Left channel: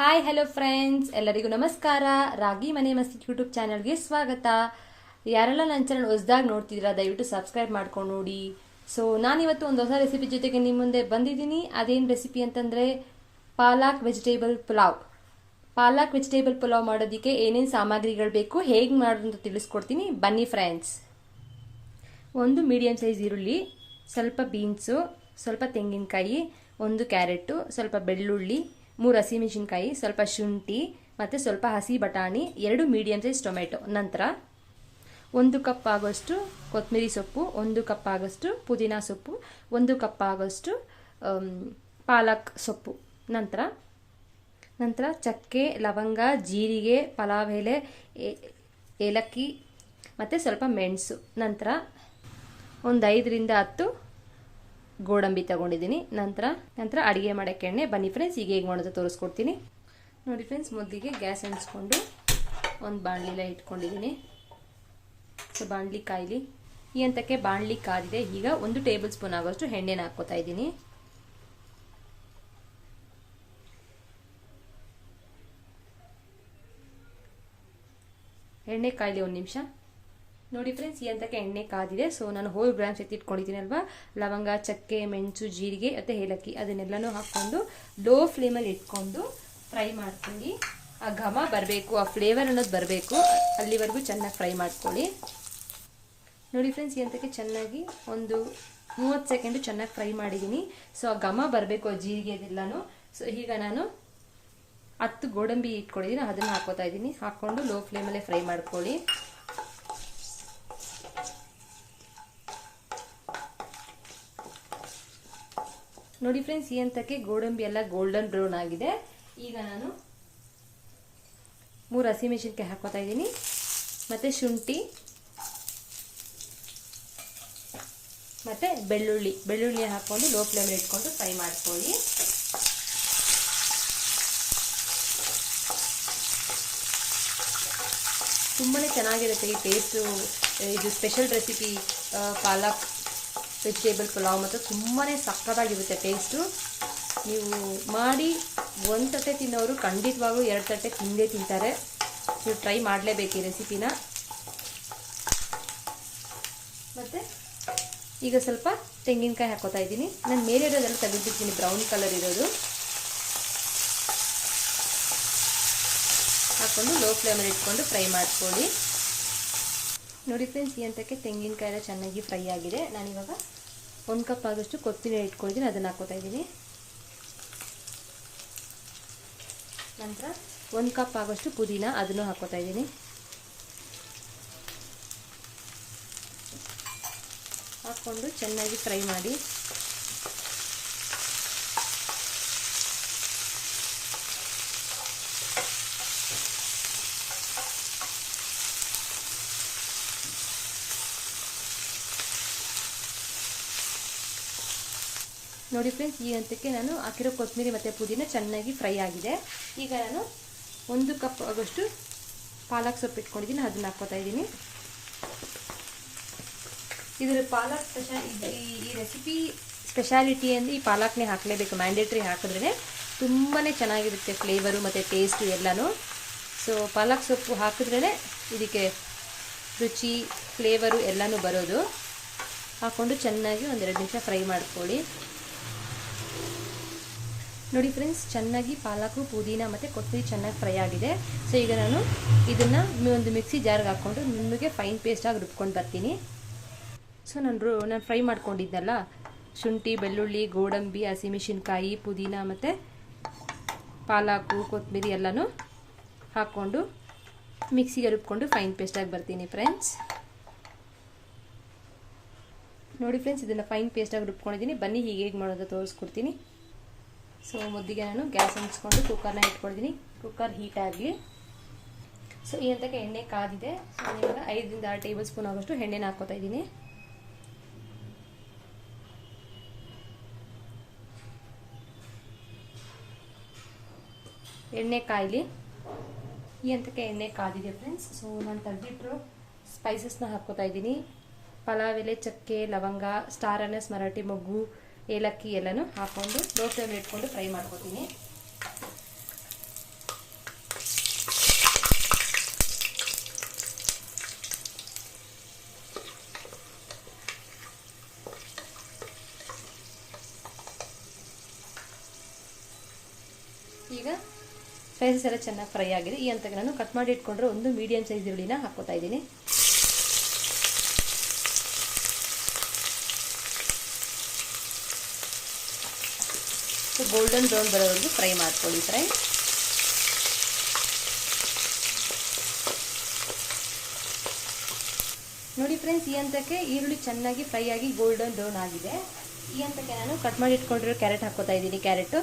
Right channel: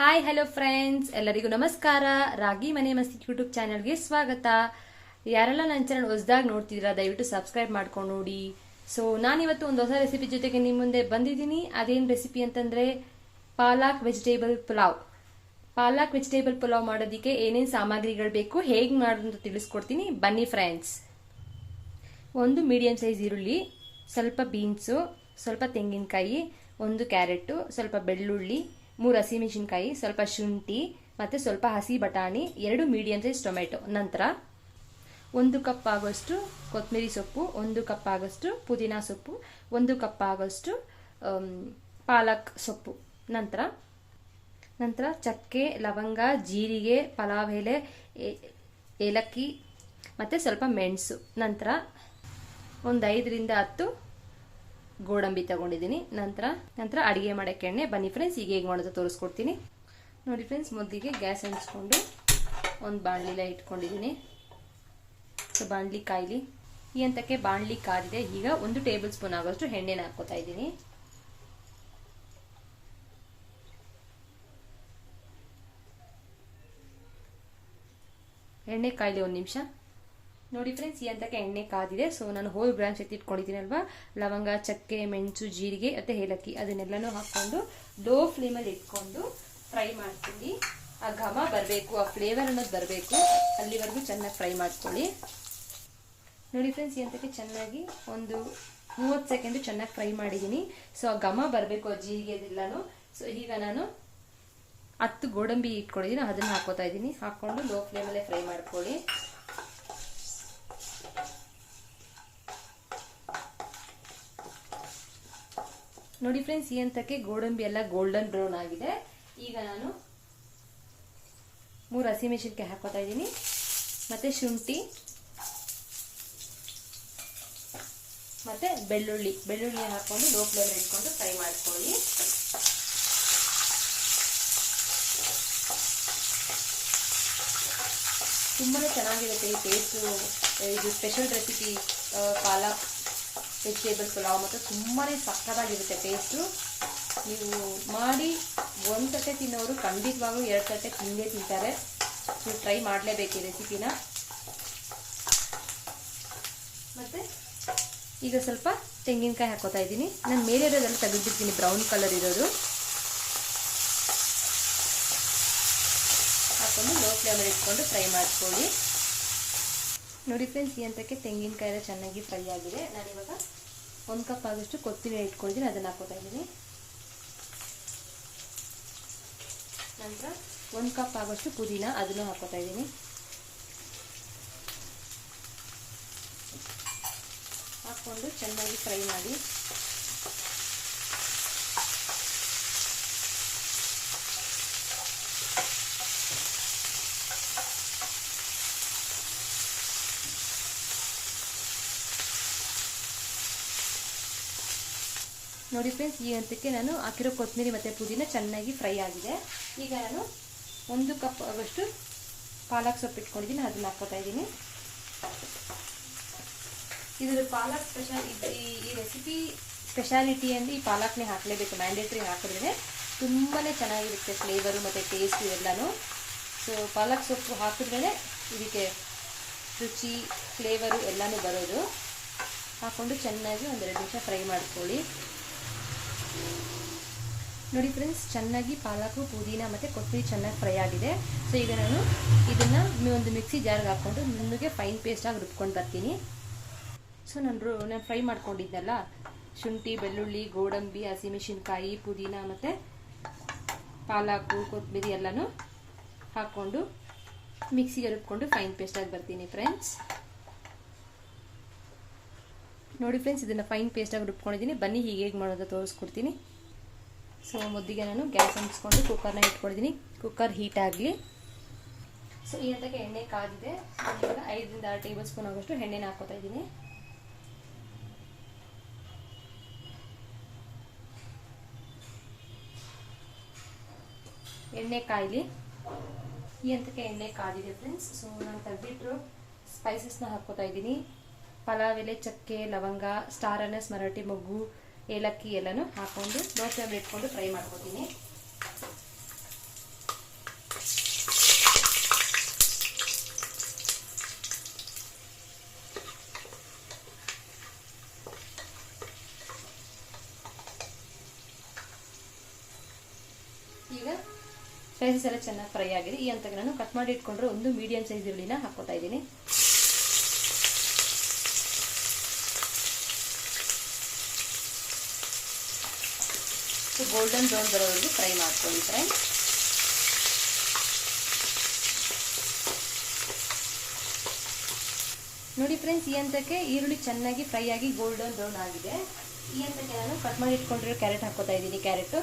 Hi hello friends ಎಲ್ಲರಿಗೂ ನಮಸ್ಕಾರ. ರಾಗಿ ಮನೆ ಮಸ್ತಿ ಯೂಟ್ಯೂಬ್ ಚಾನಲ್ಗೆ ಸ್ವಾಗತ. ಯಾರೆಲ್ಲ ನನ್ನ ಚಾನಲ್ ಹೊಸದಾಗಿ ನೋಡ್ತಿದ್ದೀರಾ, ದಯವಿಟ್ಟು ಸಬ್ಸ್ಕ್ರೈಬ್ ಮಾಡ್ಕೊಂಡು ನೋಡಿ. ಸೊ ನಾನಿವತ್ತು ಒಂದು ಹೊಸ ರೆಸಿಪಿ ಜೊತೆಗೆ ನಿಮ್ಮ ಮುಂದೆ ಬಂದಿದ್ದೀನಿ. ಅದೇನು ರೆಸಿಪಿ ಅಂತಂದರೆ ಪಾಲಾಕ್ ವೆಜಿಟೇಬಲ್ ಪುಲಾವ್. ಪಾಲಾಕ್ ವೆಜಿಟೇಬಲ್ ಪುಲಾವ್ ಮಾಡೋದಕ್ಕೆ ಏನೇನು ಸಾಮಗ್ರಿಗಳು ಬೇಕು, ಹೇಗೆ ಮಾಡೋದು ಅಂತ ತಿಳಿಸ್ಕೊಡ್ತೀನಿ. ಬನ್ನಿ ಫ್ರೆಂಡ್ಸ್ ಒಂದು ಮೀಡಿಯಂ ಸೈಜ್ ಈರುಳ್ಳಿ, ಸ್ವಲ್ಪ ಬೀನ್ಸು ಸ್ವಲ್ಪ ತೆಂಗಿನಕಾಯಿ, ಒಂದು ಕ್ಯಾರೆಟು, ಸ್ವಲ್ಪ ಬೆಳ್ಳುಳ್ಳಿ ಮೂರು ಹಸಿಮೆಣಸಿನ್ಕಾಯಿ ಸ್ವಲ್ಪ ಶುಂಠಿ ಮತ್ತು ಸ್ವಲ್ಪ ಹಸಿ ಬಟಾಣಿ, ಎರಡು ಮೀಡಿಯಂ ಸೈಜ್ ಟೊಮೆಟೊ ನಂತರ ಒಂದು ಕಪ್ ಆಗೋಷ್ಟು ಕೊತ್ತಂಬರಿ ಸೊಪ್ಪು, ಒಂದು ಕಪ್ ಆಗೋಷ್ಟು ಪುದೀನ ಸೊಪ್ಪು, ಒಂದು ಕಪ್ ಆಗೋಷ್ಟು ಪಾಲಕ್ ಸೊಪ್ಪು. ನಂತರ ನಂತರ ಚಕ್ಕೆ, ಲವಂಗ, ಜೀರಿಗೆ ಪಲಾವ್ ಎಲೆ ಏಲಕ್ಕಿ ಮತ್ತು ಸ್ವಲ್ಪ ಮೆಣಸು. ನಂತರ ಒಂದು ಐದರಿಂದ ಹತ್ತು ಗೋಡಂಬಿ ತಗೊಂಡಿದ್ದೀನಿ. ನಂತರ ನಂತರ ಅಡುಗೆ ಮಾಡೋಕ್ಕೆ ಎಣ್ಣೆ. ಬನ್ನಿ ಫ್ರೆಂಡ್ಸ್ ಈಗ ಹೇಗೆ ಮಾಡೋದು ತೋರಿಸ್ಕೊಡ್ತೀನಿ. ನೋಡಿ ಫ್ರೆಂಡ್ಸ್ ಮೊದಲಿಗೆ ಗ್ಯಾಸ್ ಅಂಟಿಸ್ಕೊಂಡು ಒಂದು ಬಾಣಲಿಲ ಇಟ್ಕೊಂಡಿದ್ದೀನಿ. ಸೊ, ಬಾಣಲಿ ಕಾಯಿಲಿ. ಈ ಹಂತಕ್ಕೆ ಬಾಣಲಿ ಕಾದಿದೆ. ಈಗ ಒಂದು ಟೇಬಲ್ ಸ್ಪೂನ್ ಆಗೋಷ್ಟು ಎಣ್ಣೆನ ಹಾಕ್ಕೋತಾ ಇದ್ದೀನಿ. ಎಣ್ಣೆ ಕಾಯಿಲಿ ಒಂದು ನಿಮಿಷ. ನೋಡಿ ಫ್ರೆಂಡ್ಸ್ ಈ ಹಂತಕ್ಕೆ ಎಣ್ಣೆ ಕಾದಿದೆ. ಸೊ ನಾನು ಹೋಲ್ ಬ್ರಾಂಚ್ ಎತ್ತಿಟ್ಕೊಂಡಿದ್ದೀನಿ ಅಲ್ವಾ? ಲವಂಗ, ಚಕ್ಕೆ, ಮೆಣಸು, ಜೀರಿಗೆ ಮತ್ತು ಏಲಕ್ಕಿ. ಅದನ್ನೆಲ್ಲನೂ ಹಾಕ್ಕೊಂಡು ಲೋ ಫ್ಲೇಮಲ್ಲಿ ಇಟ್ಕೊಂಡು ಫ್ರೈ ಮಾಡ್ಕೊಳ್ಳಿ. ಆ ಘಮ ಬರಬೇಕು, ಆ ಫ್ಲೇವರ್ ಅನ್ನೋದು ಬರಬೇಕು. ಅಲ್ಲಿವರೆಗೂ ಚೆನ್ನಾಗಿ ಫ್ರೈ ಮಾಡ್ಕೊಳ್ಳಿ. ನೋಡಿ ಫ್ರೆಂಡ್ಸ್ ಈ ಹಂತಕ್ಕೆ ಚೆನ್ನಾಗಿ ಒಂದು ಮೂವತ್ತು ಸೆಕೆಂಡು ಚೆನ್ನಾಗಿ ಫ್ರೈ ಮಾಡಿದ್ದೀನಿ. ಸೊ ಆ ಘಮ ಬರಬೇಕು, ಆ ಜೀರಿಗೆ ಅದೆಲ್ಲನೂ. ಸೊ ಈಗ ನಾನು ಹತ್ತು ಗೋಡಂಬಿ ಇಟ್ಕೊಂಡಿದ್ದೀನಿ. ಅದನ್ನು ಹಾಕೋತಾ ಇದ್ದೀನಿ. ಹಾಕ್ಕೊಂಡು ಲೋ ಫ್ಲೇಮಲ್ಲೇ ಫ್ರೈ ಮಾಡ್ಕೊಳ್ಳಿ. ನೋಡಿ ಫ್ರೆಂಡ್ಸ್ ಈ ಹಂತಕ್ಕೆ ಗೋಡಂಬಿ ಎಲ್ಲ ಗೋಲ್ಡನ್ ಬ್ರೌನ್ ಆಗಿದೆ. ಈಗ ನಾನು ಮೂರು ಹಸಿಮೆಣಸಿನ್ಕಾಯಿ ಹಾಕೋತಾ ಇದ್ದೀನಿ. ಮತ್ತೆ ಶುಂಠಿ, ಮತ್ತೆ ಬೆಳ್ಳುಳ್ಳಿ. ಬೆಳ್ಳುಳ್ಳಿ ಹಾಕೊಂಡು ಲೋ ಫ್ಲೇಮ್ ಇಟ್ಕೊಂಡು ಫ್ರೈ ಮಾಡ್ಕೊಳ್ಳಿ. ತುಂಬಾ ಚೆನ್ನಾಗಿರುತ್ತೆ ಈ ಟೇಸ್ಟು ಇದು special recipe palak. Vegetable pulao ಮತ್ತು ತುಂಬಾ ಸಕ್ಕತ್ತಾಗಿರುತ್ತೆ ಟೇಸ್ಟು ನೀವು ಮಾಡಿ ಒಂದು ತಟ್ಟೆ ತಿನ್ನೋರು ಖಂಡಿತವಾಗ್ಲೂ ಎರಡು ತಟ್ಟೆ ತಿಂದೇ ತಿಂತಾರೆ. ನೀವು ಟ್ರೈ ಮಾಡಲೇಬೇಕು ಈ ರೆಸಿಪಿನ ಮತ್ತು ಈಗ ಸ್ವಲ್ಪ ತೆಂಗಿನಕಾಯಿ ಹಾಕೋತಾ ಇದ್ದೀನಿ. ನಾನು ಮೇಲೆ ಇರೋದೆಲ್ಲ ತೆಗೆದಿರ್ತೀನಿ ಬ್ರೌನ್ ಕಲರ್ ಇರೋದು. ಹಾಕೊಂಡು ಲೋ ಫ್ಲೇಮಲ್ಲಿ ಇಟ್ಕೊಂಡು ಫ್ರೈ ಮಾಡ್ಕೊಳ್ಳಿ. ನೋಡಿ ಫ್ರೆಂಡ್ಸ್ ಈ ಹಂತಕ್ಕೆ ತೆಂಗಿನಕಾಯಿ ಎಲ್ಲ ಚೆನ್ನಾಗಿ ಫ್ರೈ ಆಗಿದೆ. ನಾನಿವಾಗ ಒಂದು ಕಪ್ ಆದಷ್ಟು ಕೊತ್ತಂಬರಿ ಇಟ್ಕೊಳ್ತೀನಿ, ಅದನ್ನು ಹಾಕೋತಾ ಇದ್ದೀನಿ. ನಂತರ ಒಂದು ಕಪ್ ಆಗೋಷ್ಟು ಪುದೀನ ಅದನ್ನು ಹಾಕೋತಾ ಇದ್ದೀನಿ. ಹಾಕ್ಕೊಂಡು ಚೆನ್ನಾಗಿ ಫ್ರೈ ಮಾಡಿ. ನೋಡಿ ಫ್ರೆಂಡ್ಸ್ ಈ ಹಂತಕ್ಕೆ ನಾನು ಹಾಕಿರೋ ಕೊತ್ತಂಬರಿ ಮತ್ತು ಪುದೀನ ಚೆನ್ನಾಗಿ ಫ್ರೈ ಆಗಿದೆ. ಈಗ ನಾನು ಒಂದು ಕಪ್ ಆಗೋಷ್ಟು ಪಾಲಕ್ ಸೊಪ್ಪು ಇಟ್ಕೊಂಡಿದ್ದೀನಿ, ಅದನ್ನ ಹಾಕೋತಾ ಇದ್ದೀನಿ. ಇದರ ಪಾಲಕ್ ಸ್ಪೆಷಲ್ ಈ ರೆಸಿಪಿ ಸ್ಪೆಷಾಲಿಟಿ ಅಂದರೆ ಈ ಪಾಲಕ್ನೇ ಹಾಕಲೇಬೇಕು ಮ್ಯಾಂಡೇಟ್ರಿ ಹಾಕಿದ್ರೆ ತುಂಬಾ ಚೆನ್ನಾಗಿರುತ್ತೆ ಫ್ಲೇವರು ಮತ್ತು ಟೇಸ್ಟು ಎಲ್ಲನೂ. ಸೊ ಪಾಲಕ್ ಸೊಪ್ಪು ಹಾಕಿದ್ರೇ ಇದಕ್ಕೆ ರುಚಿ ಫ್ಲೇವರು ಎಲ್ಲನೂ ಬರೋದು. ಹಾಕ್ಕೊಂಡು ಚೆನ್ನಾಗಿ ಒಂದೆರಡು ನಿಮಿಷ ಫ್ರೈ ಮಾಡ್ಕೊಳ್ಳಿ. ನೋಡಿ ಫ್ರೆಂಡ್ಸ್ ಚೆನ್ನಾಗಿ ಪಾಲಕು ಪುದೀನ ಮತ್ತು ಕೊತ್ತಂಬರಿ ಚೆನ್ನಾಗಿ ಫ್ರೈ ಆಗಿದೆ. ಸೊ ಈಗ ನಾನು ಇದನ್ನು ಒಂದು ಮಿಕ್ಸಿ ಜಾರ್ಗೆ ಹಾಕ್ಕೊಂಡು ನಿಮಗೆ ಫೈನ್ ಪೇಸ್ಟಾಗಿ ರುಬ್ಕೊಂಡು ಬರ್ತೀನಿ. ಸೊ ನಾನು ನಾನು ಫ್ರೈ ಮಾಡ್ಕೊಂಡಿದ್ದೆಲ್ಲ. ಶುಂಠಿ, ಬೆಳ್ಳುಳ್ಳಿ, ಗೋಡಂಬಿ, ಹಸಿಮೆಣಸಿನ್ಕಾಯಿ, ಪುದೀನ ಮತ್ತು ಪಾಲಾಕು ಕೊತ್ತಂಬರಿ ಎಲ್ಲನೂ ಹಾಕ್ಕೊಂಡು ಮಿಕ್ಸಿಗೆ ರುಬ್ಕೊಂಡು ಫೈನ್ ಪೇಸ್ಟಾಗಿ ಬರ್ತೀನಿ ಫ್ರೆಂಡ್ಸ್ ನೋಡಿ ಫ್ರೆಂಡ್ಸ್ ಇದನ್ನು ಫೈನ್ ಪೇಸ್ಟಾಗಿ ರುಬ್ಕೊಂಡಿದ್ದೀನಿ. ಬನ್ನಿ ಹೀಗೆ ಹೇಗೆ ಮಾಡೋದು ತೋರಿಸ್ಕೊಡ್ತೀನಿ. ಸೊ ಮುದ್ದಿಗೆ ನಾನು ಗ್ಯಾಸ್ ಅಂಟಿಸ್ಕೊಂಡು ಕುಕ್ಕರ್ನ ಇಟ್ಕೊಂಡಿದ್ದೀನಿ ಕುಕ್ಕರ್ ಹೀಟ್ ಆಗಲಿ. ಸೊ ಈ ಹಂತಕ್ಕೆ ಎಣ್ಣೆ ಕಾದಿದೆ. ಇವಾಗ ಐದರಿಂದ ಆರು ಟೇಬಲ್ ಸ್ಪೂನ್ ಆಗೋಷ್ಟು ಎಣ್ಣೆನ ಹಾಕೋತಾ ಇದ್ದೀನಿ. ಎಣ್ಣೆ ಕಾಯಿಲಿ. ಈ ಹಂತಕ್ಕೆ ಎಣ್ಣೆ ಕಾದಿದೆ ಫ್ರೆಂಡ್ಸ್ ಸೊ ನಾನು ತೆಗೆದಿಟ್ಟು ಸ್ಪೈಸಸ್ನ ಹಾಕ್ಕೋತಾ ಇದ್ದೀನಿ. ಪಲಾವ್ ಎಲೆ, ಚಕ್ಕೆ, ಲವಂಗ ಸ್ಟಾರ್ ಅನಸ್ ಮರಾಠಿ ಮೊಗ್ಗು ಏಲಕ್ಕಿ ಎಲ್ಲನೂ ಹಾಕೊಂಡು ದೋಸೆಯಲ್ಲಿ ಇಟ್ಕೊಂಡು ಫ್ರೈ ಮಾಡ್ಕೋತೀನಿ. ಈಗ ಸ್ಪೈಸಸ್ ಎಲ್ಲ ಚೆನ್ನಾಗಿ ಫ್ರೈ ಆಗಿದೆ. ಈ ಹಂತಕ್ಕೆ ನಾನು ಕಟ್ ಮಾಡಿ ಇಟ್ಕೊಂಡ್ರೆ ಒಂದು ಮೀಡಿಯಂ ಸೈಜ್ ಈರುಳ್ಳಿನ ಹಾಕೋತಾ ಇದ್ದೀನಿ. ಗೋಲ್ಡನ್ ಬ್ರೌನ್ ಬರೋವರೆಗೂ ಫ್ರೈ ಮಾಡ್ಕೊಳ್ಳಿ ಫ್ರೈ ನೋಡಿ ಫ್ರೆಂಡ್ಸ್ ಈ ಹಂತಕ್ಕೆ ಈರುಳ್ಳಿ ಚೆನ್ನಾಗಿ ಫ್ರೈ ಆಗಿ ಗೋಲ್ಡನ್ ಬ್ರೌನ್ ಆಗಿದೆ. ಈ ಹಂತಕ್ಕೆ ನಾನು ಕಟ್ ಮಾಡಿ ಇಟ್ಕೊಂಡಿರೋ ಕ್ಯಾರೆಟ್ ಹಾಕೋತಾ ಇದ್ದೀನಿ ಕ್ಯಾರೆಟ್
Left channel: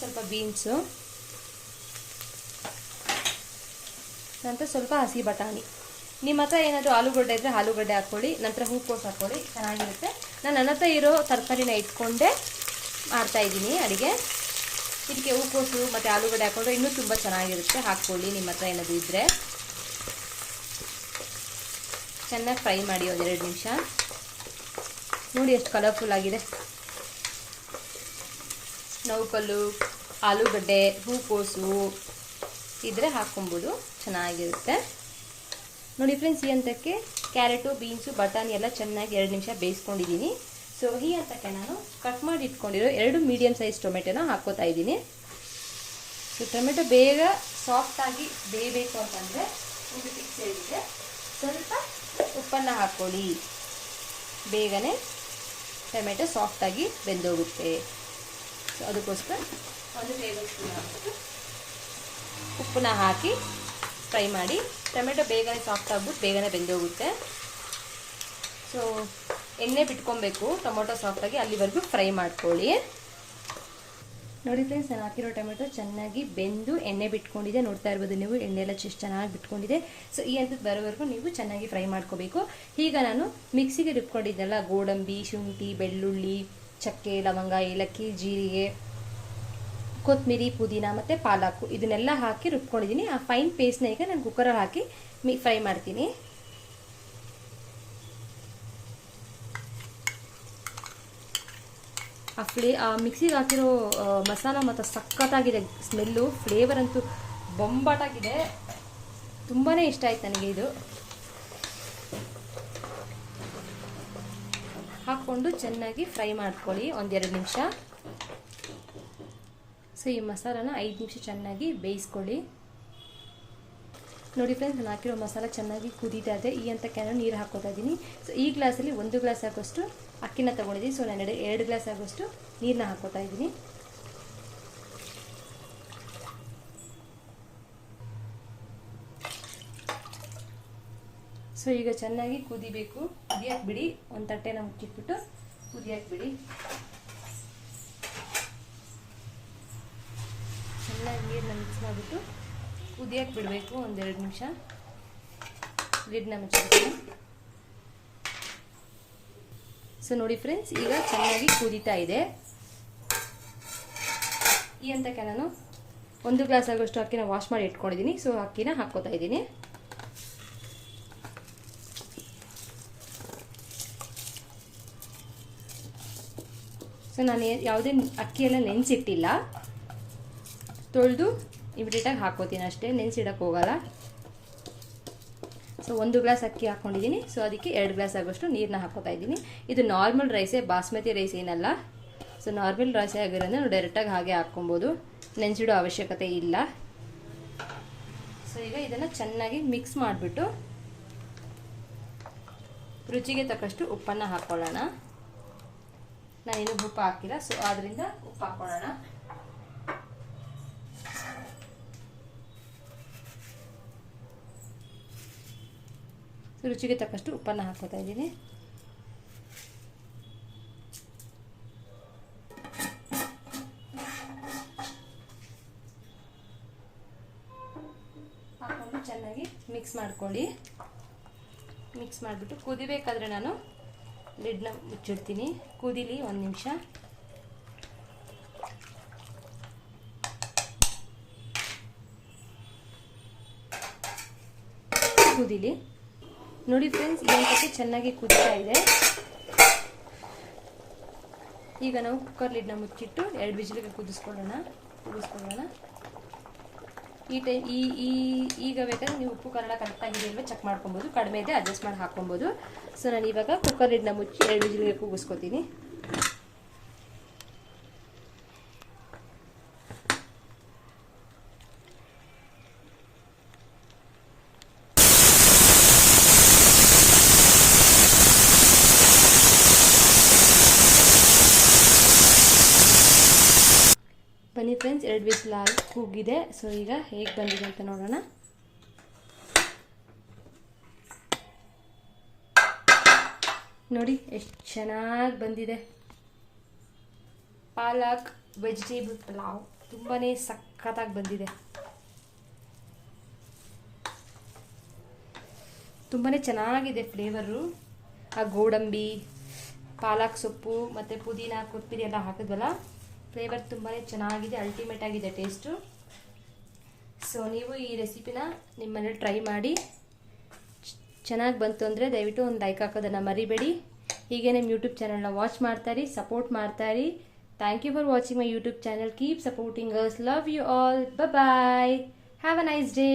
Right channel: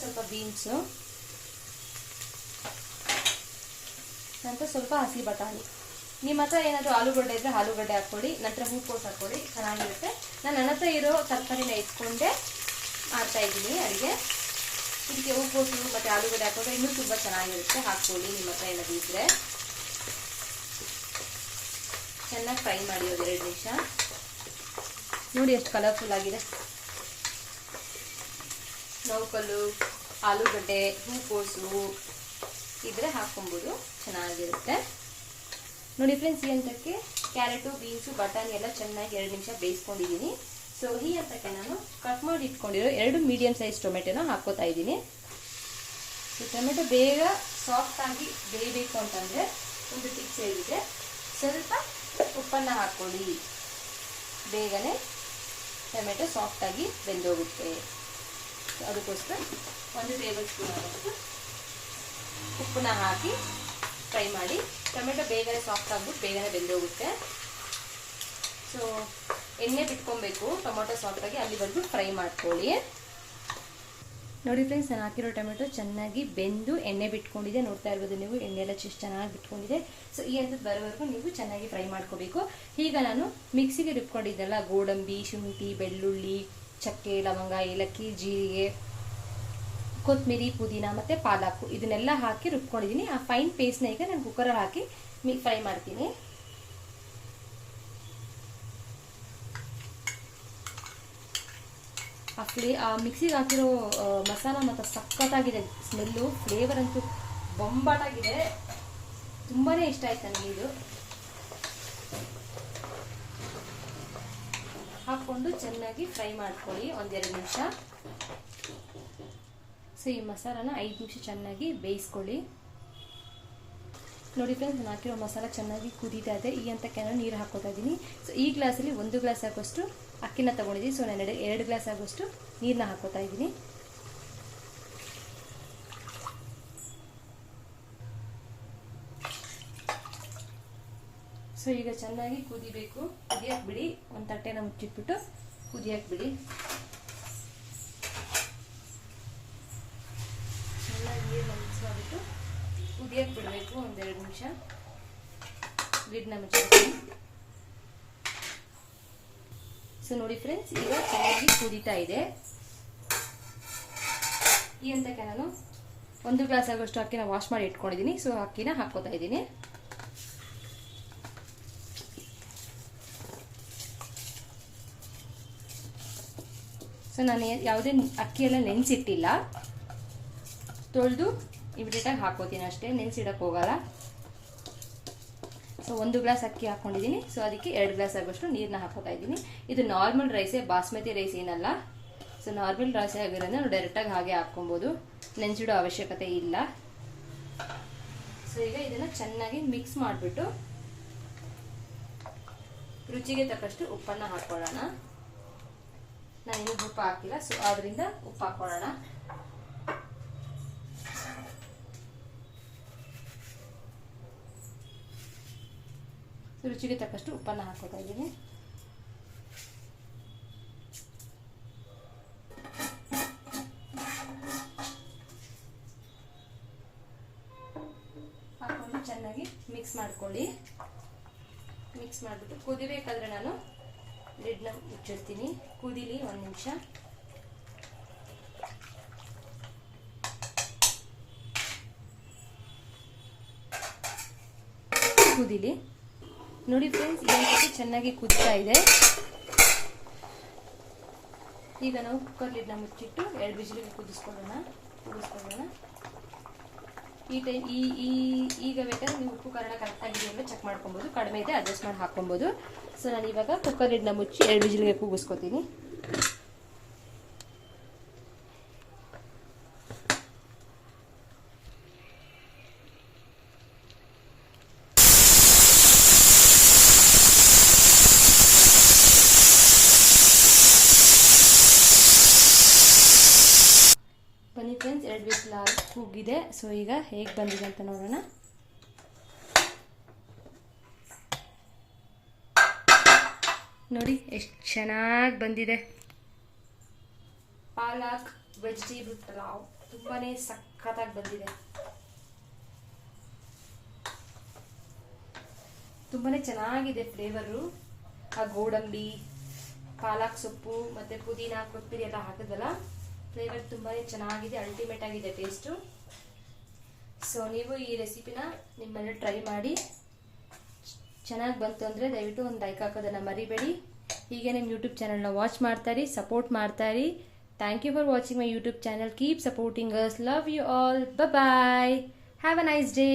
ಸ್ವಲ್ಪ ಬೀನ್ಸು ನಂತರ ಸ್ವಲ್ಪ ಹಸಿ ಬಟಾಣಿ. ನಿಮ್ಮ ಹತ್ರ ಏನಾದರೂ ಆಲೂಗಡ್ಡೆ ಇದ್ರೆ ಆಲೂಗಡ್ಡೆ ಹಾಕ್ಕೊಳ್ಳಿ, ನಂತರ ಹೂಕೋಸು ಹಾಕ್ಕೊಳ್ಳಿ, ಚೆನ್ನಾಗಿರುತ್ತೆ. ನಾನು ನನ್ನ ಹತ್ರ ಇರೋ ತರಕಾರಿನ ಇಟ್ಕೊಂಡೆ ಮಾಡ್ತಾ ಇದ್ದೀನಿ ಅಡುಗೆ. ಇದಕ್ಕೆ ಹೂಕೋಸು ಮತ್ತು ಆಲೂಗಡ್ಡೆ ಹಾಕೊಂಡ್ರೆ ಇನ್ನೂ ತುಂಬ ಚೆನ್ನಾಗಿರುತ್ತೆ. ಹಾಕ್ಕೊಳ್ಳಿ, ನಿಮ್ಮ ಹತ್ರ ಏನಾದರೂ ಇದ್ದರೆ ಚೆನ್ನಾಗಿ ಫ್ರೈ ಮಾಡಿ ಒಂದೆರಡು ನಿಮಿಷ. ನೋಡಿ ಎಷ್ಟು ಕಲರ್ಫುಲ್ ಆಗಿದೆ. ನೌಕಲ್ಲು, ಆಲೂಗಡ್ಡೆ, ಹೂಕೋಸು ಇದ್ರೆ ಹಾಕ್ಕೊಬೋದು ಚೆನ್ನಾಗಿರುತ್ತೆ. ನೋಡಿ ಫ್ರೆಂಡ್ಸ್ ಈ ಹಂತಕ್ಕೆ ಕ್ಯಾರೆಟು ಬೀನ್ಸು ಬಟಾಣಿ ಎಲ್ಲ ಚೆನ್ನಾಗಿ ಎರಡು ನಿಮಿಷ ಬೇಯಿಸ್ಕೊಂಡಿದ್ದೀನಿ. ಸೊ ಈ ಹಂತಕ್ಕೆ ನಾನು ಕಟ್ ಮಾಡಿ ಇಟ್ಕೊಂಡಿರೋ ಎರಡು ಮೀಡಿಯಮ್ ಸೈಜ್ ಟೊಮೆಟೊನ ಹಾಕೋತಾ ಇದ್ದೀನಿ. ಸೊ ಟೊಮೆಟೊ ಬೇಗ ಸಾಫ್ಟಾಗಿ ಬೇಯಬೇಕು ಅಂತಂದರೆ ಒಂದು ಪಿಕ್ಸ್ ಹೇಳಿದೆ ಸ್ವಲ್ಪ ಉಪ್ಪನ್ನು ಹಾಕ್ಕೊಳ್ಳಿ. ಬೇಗನೆ ಟೊಮೆಟೊ ಸಾಫ್ಟಾಗಿ ಬೆಂದೋಗುತ್ತೆ. ಅದಕ್ಕೋಸ್ಕರ ಒಂದು ಟೇಬಲ್ ಸ್ಪೂನ್ ಉಪ್ಪನ್ನ ಹಾಕಿ ಫ್ರೈ ಮಾಡಿ. ಟೊಮೆಟೊ ಬೇಗನೆ ಸಾಫ್ಟ್ ಆಗ್ಬಿಟ್ಟು ಬೇಗನೆ ಬೆಂದೋಗುತ್ತೆ. ಸೊ ಎಣ್ಣೆ ಬಿಟ್ಕೊಬೇಕು. ಟೊಮೊಟೊ ಸಾಫ್ಟಾಗಿ ಅಲ್ಲಿವರೆಗೂ ಫ್ರೈ ಮಾಡ್ಕೊಳ್ಳಿ. ನೋಡಿ ಫ್ರೆಂಡ್ಸ್ ನಾನು ಹಾಕಿರೋ ಟೊಮೆಟೊ ಚೆನ್ನಾಗಿ ಬೆಂದು ಎಣ್ಣೆ ಬಿಟ್ಕೊಂಡಿದೆ. ನೋಡ್ತಾ ಇರ್ಬೋದು ನೀವು, ಎಣ್ಣೆ ಎಲ್ಲ ಚೆಸ್ಟ್ ಚೆನ್ನಾಗಿ ಬಿಟ್ಕೊಂಡಿದೆ. ಸೊ ಈ ಹಂತದ ಬರೋವರೆಗೂ ನೀವು ಚೆನ್ನಾಗಿ ಫ್ರೈ ಮಾಡ್ಕೋಬೇಕು. ಈಗ ನಾನು ಮಿಕ್ಸಿಗೆ ರುಬ್ಕೊಂಡಿದ್ದೆಲ್ಲ ಗೋಡಂಬಿ, ಶುಂಠಿ, ಬೆಳ್ಳುಳ್ಳಿ, ಚಕ್ಕೆ, ಲವಂಗ, ಏಲಕ್ಕಿ, ಜೀರಿಗೆ ಕೊತ್ತಂಬರಿ, ಪುದೀನ ಮತ್ತು ಪಾಲಾಕು. ಇದನ್ನೆಲ್ಲ ಹಾಕಿ ರುಬ್ಕೊಂಡಿದ್ದೀನಿ ಆ ಫೈನ್ ಪೇಸ್ಟ್ನ ಈಗ ನಾನು ಕುಕ್ಕರಲ್ಲಿ ಹಾಕಿ ಮಿ ಫ್ರೈ ಮಾಡ್ತೀನಿ. ಆ ಫ್ಲೇ, ಆ ಮಿಕ್ಸಿಗೆ ಹಾಕಿರೋ ಮಸಾಲ ಮತ್ತು ಸಖತ್ತಾಗಿದೆ ಸ್ಮೆಲ್ಲು ಫ್ಲೇವರ್ ಅಂತೂ ಬೊಂಬಾಟಾಗಿದೆ. ತುಂಬಾ ಇಷ್ಟ ಆಯ್ತು ನನಗೆ ಇದು. ಹಾಕ್ಕೊಂಡು ಚೆನ್ನಾಗಿ ಫ್ರೈ ಮಾಡ್ಕೊಳ್ಳಿ ಒಂದೆರಡು ನಿಮಿಷ. ಸೊ ಈ ಮಸಾಲನ ಐದು ನಿಮಿಷ ಚೆನ್ನಾಗಿ ಬೇಯಿಸ್ಕೊಳ್ಳಿ. ನೋಡಿ ಫ್ರೆಂಡ್ಸ್ ನಾನು ಹಾಕಿರೋ ಮಸಾಲ ಚೆನ್ನಾಗಿ ಕುದೀತಾ ಇದೆ. ಈ ಅಂತ ನೀರು ಹಾಕೋತಾ ಇದ್ದೀನಿ ಸೊ ಈ ಗ್ಲಾಸಲ್ಲಿ ಒಂದು ಗ್ಲಾಸ್ ಆಗೋಷ್ಟು ಅಕ್ಕಿನ ತೊಗೊಂಡಿದ್ದೀನಿ. ಸೊ ನಾನು ಎರಡು ಎರಡು ಗ್ಲಾಸ್ ಆಗೋಷ್ಟು ನೀರನ್ನ ಹಾಕೋತಾ ಇದ್ದೀನಿ ಸೊ ಈಗ ಚೆನ್ನಾಗಿ ಕುದಿಬೇಕು. ಕುದಿಯಕ್ಕೆ ಬಿಡಿ. ಒಂದು ತಟ್ಟೆನ ಮುಚ್ಚಿಟ್ಬಿಟ್ಟು ಕುದಿಯಕ್ಕೆ ಬಿಡಿ. ಮಿಕ್ಸ್ ಮಾಡಿಬಿಟ್ಟು ಕುದಿಯಕ್ಕೆ ಬಿಡಬೇಕು ಒಂದೆರಡು ನಿಮಿಷ. ಲಿಡ್ನ ಮುಚ್ಚಬೇಕು ಸೊ ನೋಡಿ ಫ್ರೆಂಡ್ಸ್ ಈಗ ಚೆನ್ನಾಗಿ ಕುದೀತಾ ಇದೆ. ಈ ಅಂತಕ್ಕೆ ನಾನು ಒಂದು ಗ್ಲಾಸ್ ಆಗೋಷ್ಟು ಅಕ್ಕಿನ ವಾಶ್ ಮಾಡಿ ಇಟ್ಕೊಂಡಿದ್ದೀನಿ. ಸೊ ಅಕ್ಕಿನ ಹಾಕೋತಾ ಇದ್ದೀನಿ. ಸೊ ನಾನು ಯಾವುದೇ ಅಕ್ಕಿಯನ್ನು ನೆನೆಸಿಟ್ಟಿಲ್ಲ. ತೊಳೆದು ಇಮಿಡಿಯೇಟಾಗಿ ಹಾಕೋತೀನಿ ಅಷ್ಟೇ ನೆನೆಸಿಡಕ್ಕೆ ಹೋಗಲ್ಲ. ಸೊ ಒಂದು ಗ್ಲಾಸ್ ಅಕ್ಕಿ ಹಾಕ್ಕೊಂಡಿದ್ದೀನಿ ಸೊ ಅದಕ್ಕೆ ಎರಡು ಗ್ಲಾಸ್ ಆಗೋಷ್ಟು ನೀರನ್ನ ಹಾಕೋತಾ ಇದ್ದೀನಿ. ಇದು ನಾರ್ಮಲ್ ರೈಸೇ, ಬಾಸ್ಮತಿ ರೈಸ್ ಏನಲ್ಲ. ಸೊ ನಾರ್ಮಲ್ ರೈಸೇ ಆಗಿರೋದ್ರೆ ನಾವು ಡೈರೆಕ್ಟಾಗಿ ಹಾಗೆ ಹಾಕ್ಕೊಬೋದು. ನೆನೆಸಿಡೋ ಅವಶ್ಯಕತೆ ಇಲ್ಲ. ಸೊ ಈಗ ಇದನ್ನು ಚೆನ್ನಾಗಿ ಮಿಕ್ಸ್ ಮಾಡಿಬಿಟ್ಟು ರುಚಿಗೆ ತಕ್ಕಷ್ಟು ಉಪ್ಪನ್ನು ಹಾಕ್ಕೊಳ್ಳೋಣ ನಾನಿನ್ನೂ ಉಪ್ಪು ಹಾಕಿಲ್ಲ ಸೊ ಆದ್ದರಿಂದ ಉಪ್ಪು ಹಾಕ್ಕೊಳ್ಳೋಣ ರುಚಿಗೆ ತಕ್ಕಷ್ಟು ಉಪ್ಪನ್ನು ಹಾಕೋತಾ ಇದ್ದೀನಿ. ಹಾಕೊಂಡು ಚೆನ್ನಾಗಿ ಮಿಕ್ಸ್ ಮಾಡ್ಕೊಳ್ಳಿ. ಮಿಕ್ಸ್ ಮಾಡಿಬಿಟ್ಟು ಕುದಿಬೇಕಾದ್ರೆ ನಾನು ಲಿಡ್ನ ಮುಚ್ಚಿಡ್ತೀನಿ. ಕುದಿಲಿ ಒಂದು ನಿಮಿಷ. ಕುದೀಲಿ. ನೋಡಿ ಫ್ರೆಂಡ್ಸ್ ಈ ಚೆನ್ನಾಗಿ ಕುದಿತಾ ಇದೆ. ಈಗ ನಾವು ಕುಕ್ಕರ್ ಲಿಡ್ನ ಮುಚ್ಚಿಟ್ಟು ಎರಡು ಬಿಸಿಲಿಗೆ ಕುದಿಸ್ಕೊಳ್ಳೋಣ. ಕುದಿಸ್ಕೊಳ್ಳೋಣ. ಈ ಟೈಮ್ ಈ ಈಗ ಬೇಕಾದ್ರೆ ನೀವು ಉಪ್ಪು ಕನ್ನಡ ಕರೆಕ್ಟಾಗಿದೆ ಅಂದರೆ ಚೆಕ್ ಮಾಡ್ಕೊಬೋದು. ಕಡಿಮೆ ಇದೆ ಅಡ್ಜಸ್ಟ್ ಮಾಡಿ ಹಾಕ್ಕೊಬೋದು. ಸೊ ನಾನು ಇವಾಗ ಕುಕ್ಕರ್ ಲಿಡ್ನ ಮುಚ್ಚಿ ಎರಡು ಬಿಸಿಲಿಗೆ ಕೂಗಿಸ್ಕೊತೀನಿ ಬನ್ನಿ ವಿತ್ ಲಾಲ್ ಕೂಗಿದೆ. ಸೊ ಈಗ ಹೇಗೆ ಬಂದಿದೆ ಅಂತ ನೋಡೋಣ. ನೋಡಿ, ಎಷ್ಟು ಚೆನ್ನಾಗಿ ಬಂದಿದೆ. ಪಾಲಕ್ ವೆಜಿಟೇಬಲ್ ಪಲಾವ್ ತುಂಬಾ ಸಖತ್ತಾಗಿ ಬಂದಿದೆ. ತುಂಬಾ ಚೆನ್ನಾಗಿದೆ ಫ್ಲೇವರು. ಆ ಗೋಡಂಬಿ, ಪಾಲಕ್ ಸೊಪ್ಪು, ಮತ್ತು ಪುದೀನ ಕೊತ್ತಂಬರಿ ಎಲ್ಲ ಹಾಕಿದ್ವಲ್ಲ? ಫ್ಲೇವರ್ ತುಂಬಾ ಚೆನ್ನಾಗಿದೆ ಅಲ್ಟಿಮೇಟ್ ಆಗಿದೆ ಟೇಸ್ಟು ಸೊ ನೀವು ಈ ರೆಸಿಪಿನ ನಿಮ್ಮನೇಲಿ ಟ್ರೈ ಮಾಡಿ. ಚೆನ್ನಾಗಿ ಬಂತು ಅಂದರೆ ದಯವಿಟ್ಟು ಒಂದು ಲೈಕ್ ಹಾಕೋದನ್ನು ಮರಿಬೇಡಿ. ಹೀಗೆ ನಿಮ್ಮ ಯೂಟ್ಯೂಬ್ ಚಾನಲ್ನ ವಾಚ್ ಮಾಡ್ತಾರಿ ಸಪೋರ್ಟ್ ಮಾಡ್ತಾರಿ thank you for watching my YouTube channel keep supporting us love you all bye have a nice day